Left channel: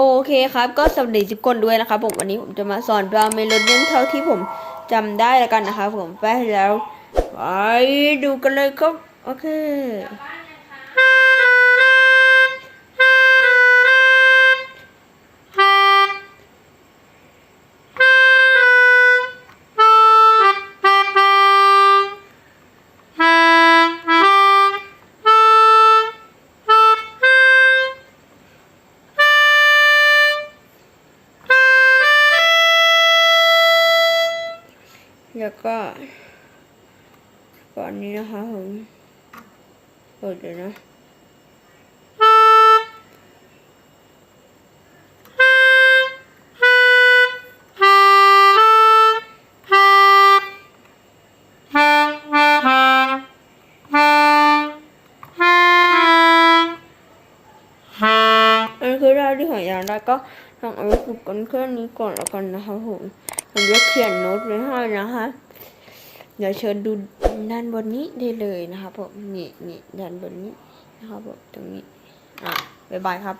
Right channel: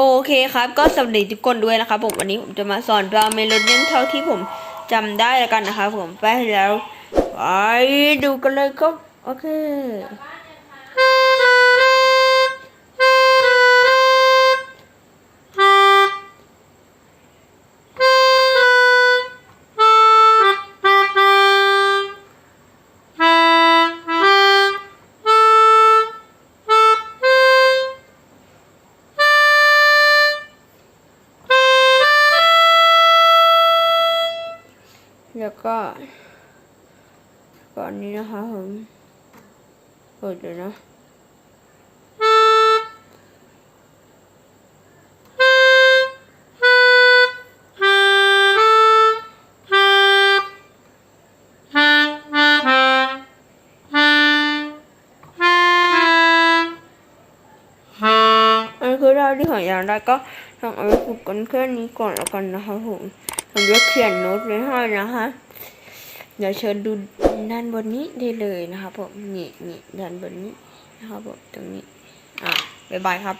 โอเคครับ ก็สวัสดีทุกคนด้วยนะครับผมวันนี้ผมจะมาสอนดราเมโลดี้เท่าที่ผมจำได้แล้วกันนะครับผมไปแล้วไปดูกันเลยครับ โอเค แล้วก็ก่อนนี้นะคะผมเปิดเลยนะคือเราที่หอยางได้ก็ลองเอาไปฝึกกันแค่นี้ก่อนแล้วกันนะคะผม ผมจะเขียนโน้ตไว้ให้นะคะ เดี๋ยวเชิญดูด้านบนนี้ได้เลยนะครับผมนี่นี่ด้านบนนี้นะครับผมตรงนี้ อะบ๊ายบายครับ